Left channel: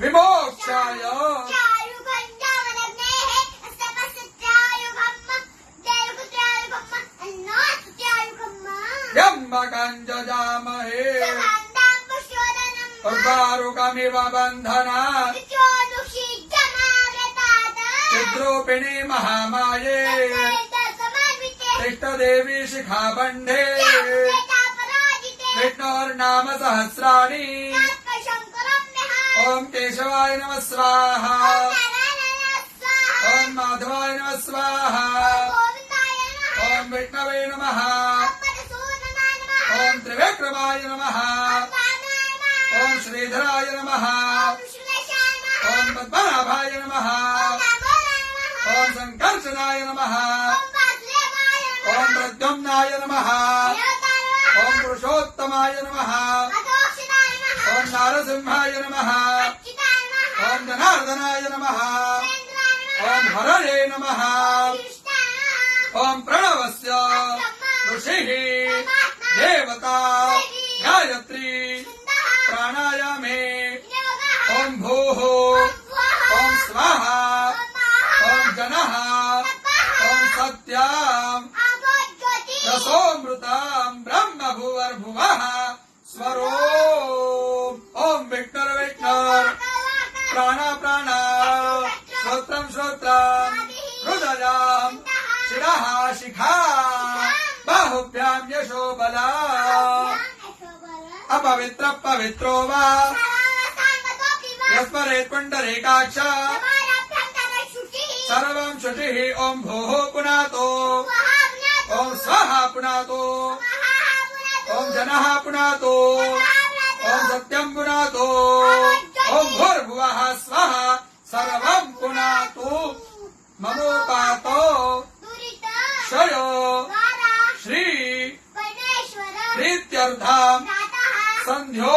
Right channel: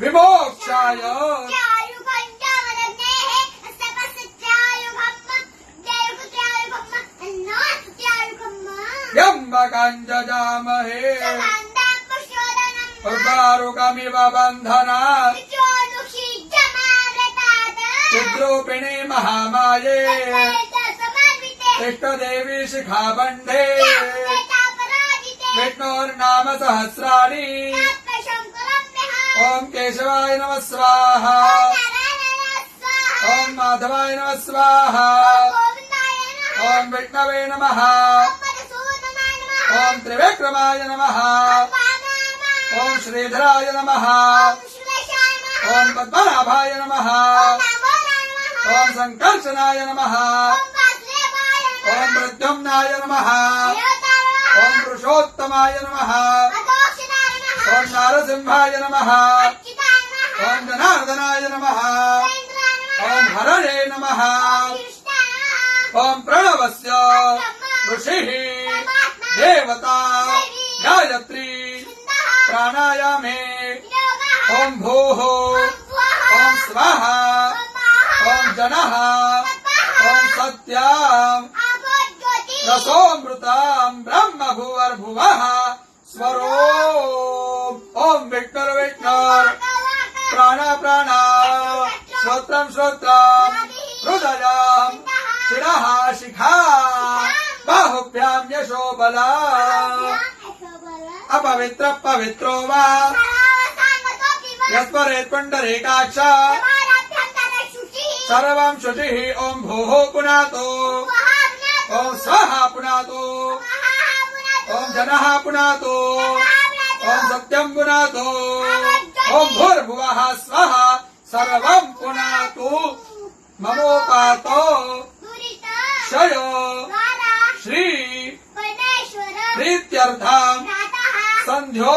विमोक्षाय त्र्यम्बकं उर्वारुकमिव बन्धनात् चिद्रूपिणी महामाये इष्टदेवी शिखाबन्धे विष्णोर्नाम सहस्राणि ओम केशवाय नमः स्वाहा ओम माधवाय नमः स्वाहा ओम विष्णवे नमः ओम त्रिविक्रमाय नमः ओम श्रीधराय नमः ओम पद्मनाभाय नमः ओम संकर्षणाय नमः ओम प्रद्युम्नाय नमः ओम पुरुषोत्तमाय नमः ओम नारसिंहाय नमः ओम जनार्दनाय नमः ओम हरणे नमः ओम प्रणवस्य ऋषिः देवता गायत्री प्राणायामे ओम भूः ओम स्वाहा ओम जनः ओम सत्याम् रसोमृताम् ब्रह्म भुवर्भुवः स्वरो ओम विष्णुर्विष्णुर् प्राण प्राण श्रोत्रम् श्रोत्रम् हृदयम् शिरः शिखा बाहुभ्याम् यशो बला अपवित्र पवित्रो वा यस्मरेत् पुण्डरीकाक्ष सर्वम् शुचिः ओम भूः पुनातो ओम स्वाहा पुनातो ओम जनः पुनातो ओम सत्यम् पुनातो ओम भूर्भुवः स्वः सर्वम् पुनातु ममोपातो क्षयो श्री प्रीत्यर्थम् सन्ध्यो